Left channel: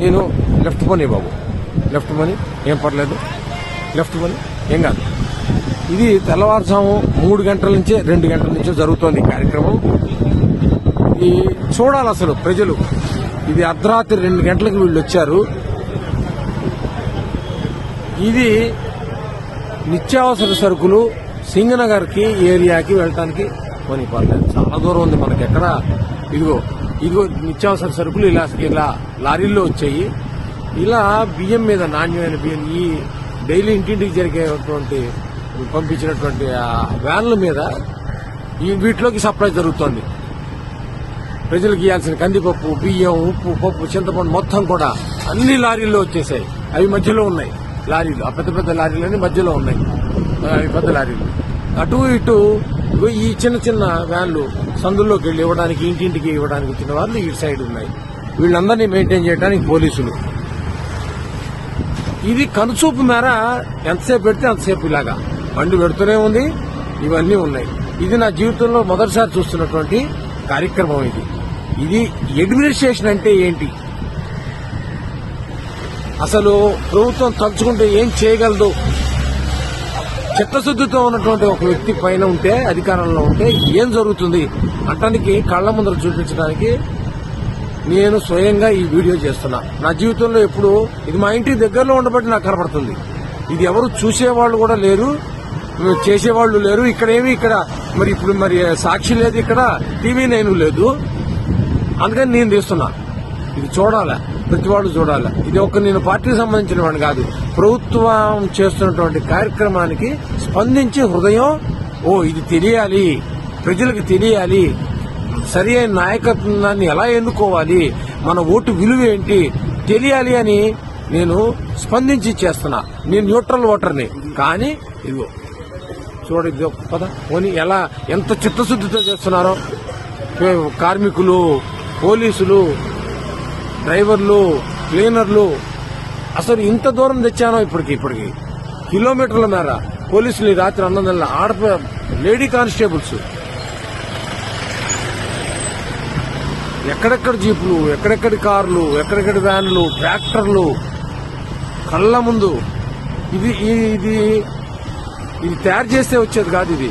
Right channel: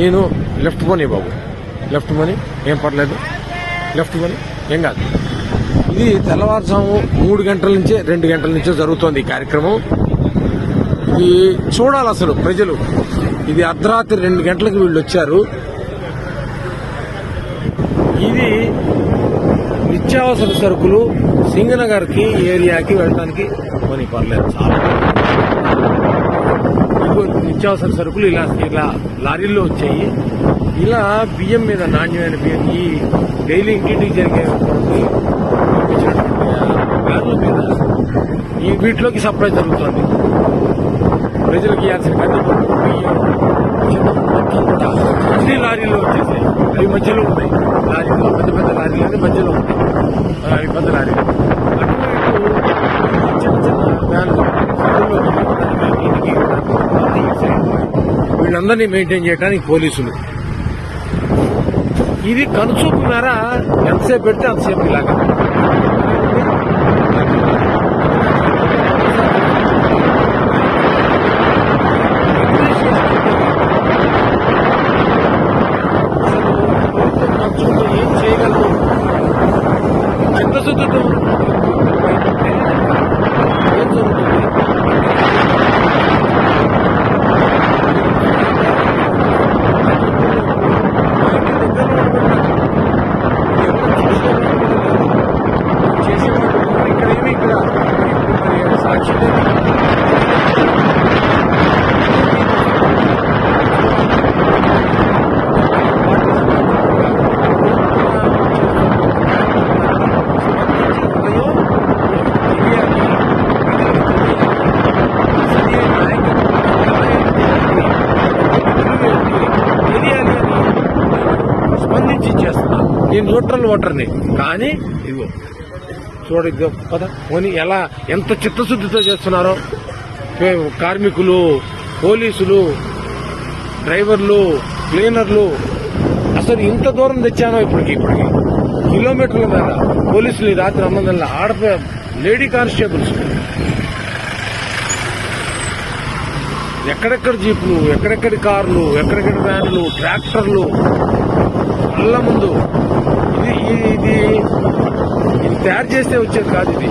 నేను లెఫ్ట్ పోనీ బాబు, లెఫ్ట్ పోనీ, ఏం పర్లేదు, లెఫ్ట్ పోనీ, ఏం కాదు. ఇది తెల్లవారుజాము 3 గంటల నుంచే 2 గంటల నుంచే జరుగుతోంది ఈ కార్యక్రమం. ఇది చూడాలి అసలు ప్రజలు. ఇది అర్ధరాత్రి 2 గంటలకు వీళ్ళు వచ్చారు. ఇది నిత్యావసర సరుకులు సింగనగర్ కి ఏరియాకి వెళ్ళడానికి పోనీ పర్లేదు, చాలా దూరం ఉంది. ఇక్కడ ఇదిగో నిత్యావసర సరుకులు ఇలా లారీల్లో వచ్చాయి. ఇలా బియ్యం మీద, నాణ్యమైన బియ్యం, ఈ డైలీ ఇంటింటికి జరిగేటువంటి పంపించినటువంటి వ్యాన్ల మీద వీటిలోకి సప్లై జరుగుతోంది. ప్రజలకు ఇవ్వాల్సిన కందిపప్పు, బియ్యం, ఉప్పు, పప్పు, చింతపండు మొత్తం కూడా అన్ని లారీల్లో వచ్చేసాయి. అవి మధ్యలో ఉన్నాయి లారీలు, పెద్ద పెద్ద లారీలు అన్ని మధ్యలో ఉన్నాయి. అవి పెద్ద లారీలు. అటు ఇటు ఈ చిన్న చిన్న వ్యాన్లు సందుల్లోకి వెళ్ళి ఇవ్వడానికి, ఇంటింటికి ఇవ్వడానికి తర్వాత ఈ సైడ్ ఉన్నాయి. వీళ్ళందరినీ మెయింటైన్ చేయడానికి పోలీసులు. ఇది కనుచూపు మేర ఎంతసేపు పెడితే అంతసేపు ఇలాగా బండి పెడుతూనే ఉంది. ఇవన్నీ ఉన్నాయి. ఇది నా జీవితంలో మొదటిసారి చూసినటువంటి కార్యక్రమం. ఇది అడ్మినిస్ట్రేషన్ అంటే ఏంటి, అసలు ప్రభుత్వం తలుచుకుంటే ఏం చేయగలదు? చిత్తశుద్ధితో ఉన్నటువంటి ఒక వ్యక్తి పైన ఉంటే, అధికారంలో ఉంటే ఏం జరుగుతుంది అతనికి కళ్ళ ముందు చూపించడానికి నేను స్వయంగా ఈ వీడియో చేస్తున్నాను. నా జీవితంలో ఎప్పుడు మా ఇంటి దగ్గరలో ఉండబట్టి నాకు కనబడుతుంది. ఇది ఎవరు చూసేవాళ్ళు కూడా లేరు, చేసేవాళ్ళు లేరు. ఇక్కడ మరి సాక్షి లేదు, ఇక్కడ టీవీలు ఏమీ లేదు. అంటే నేను చూస్తున్నాను. చూడాలి, ప్రభుత్వాన్ని చూడాలి. ఇది ఒక నేను పార్టీకి సంబంధించిన వాడు కాదు. ప్రభుత్వం చేస్తున్నటువంటి కార్యక్రమానికి స్పందించి హృదయం, ఇది తెలియాలి, ప్రజలకు తెలియాలి, సరి అయిన నాయకత్వాన్ని ఎలా ఎన్నుకోవాలి, మన ఓటు విలువ ఏంటి తెలియాలి అని నేను స్పందించి చేస్తున్నాను. నేను న్యూట్రల్ ఓటర్ని. కానీ ఇదిగో చూడ పద పోనీ ఎంత చిత్తశుద్ధితో చేస్తున్నారో కార్మికులు, పోలీసులు, డ్రైవర్లు, క్లీనర్లు. అసలు ఇంత దూరం తెచ్చానో ఇప్పటికి కిలోమీటర్ల మేర పోలీసులు రాత్రి 9 లేడీ కానిస్టేబుల్స్, ఎక్కడెక్కడ జీపులు, ఎక్కడెక్కడి కార్లు, ఎక్కడెక్కడి వ్యాన్లు, ట్రాక్టర్లు కళ్ళ ముందు. ఇది తయారు చేస్తే వచ్చేది కాదు. ఇది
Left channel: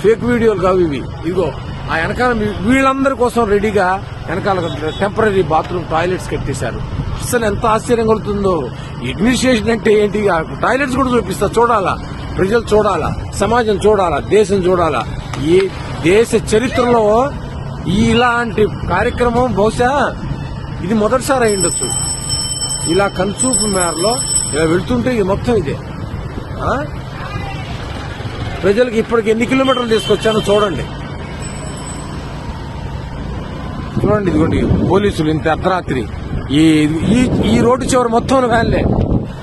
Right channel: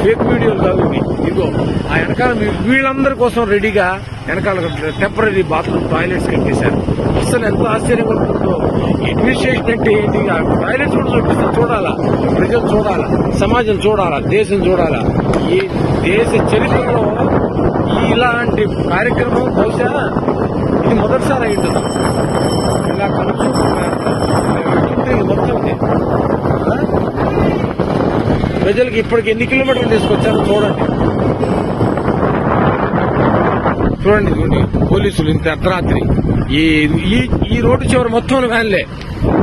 ఫేక్ వీడియోలు కావు ఇవి. ఇదిగో ఆ వెనకాల వీళ్ళందరి కోసం రెడీగా వెనకాల టెంపరీ బాత్రూమ్ టాయిలెట్స్ కట్టేశారు. అసలు ఎంత ఆశ్చర్యం కలుగుతుందో. అడ్మినిస్ట్రేషన్ అంటే ఏంటి? టాయిలెట్స్ కూడా చూపిస్తా. చూడాలా, ప్రజలు చూడాలా, సమాజం చూడాలా, దేశం చూడాలా. ఈ దేశ చరిత్రలో ఇలాంటి కార్యక్రమం బహుశా ఇది మొదటిసారి అయిండదు. ఇలా కనుచూపు మేరలో పెడుతుంటే ఇది మొత్తం ఇదే. ప్రజలకు ఇప్పటికి ఎన్ని కిలోమీటర్లు తీసుకొచ్చానో చూడండి. ఇదిగోండి పోలీసులు ఇంత అర్ధరాత్రి ఈ రోడ్డు చివరి మొత్తం వ్యాన్లే,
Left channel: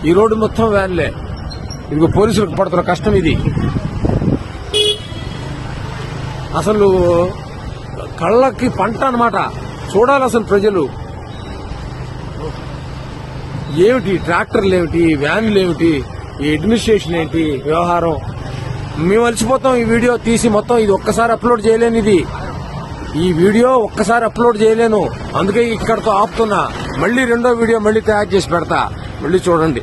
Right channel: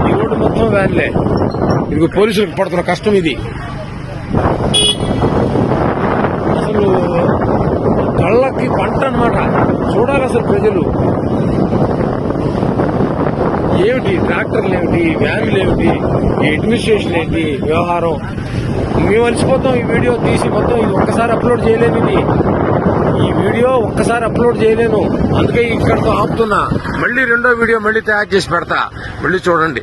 ఈ రోడ్డు మొత్తం వ్యాన్లే. ఇదిగో పోలీసులకు పడుతున్న కష్టం ఇది. అసలు కళ్ళకి పంట అన్నమాట. చూడాలి అసలు ప్రజలు. ఏమిటి ట్రాక్టర్లు, ఏమిటి వ్యాన్లు, ఏమిటి ఈ అడ్మినిస్ట్రేషన్, ఏంటి వ్యవహారం. మేము అలసిపోతాం ఈ వీడియో తీసి మొత్తం. ఇది ఒక్కసారి అప్లోడ్ చేయలేను. ఈ వీడియో ఒక్కసారి అప్లోడ్ చేయలేను. అందుకే ఇక్కడితో ఆపుతున్నా. మళ్ళీ రెండో వీడియో మళ్ళీ తయారు చేసి పెడతా. మళ్ళీ చూడండి.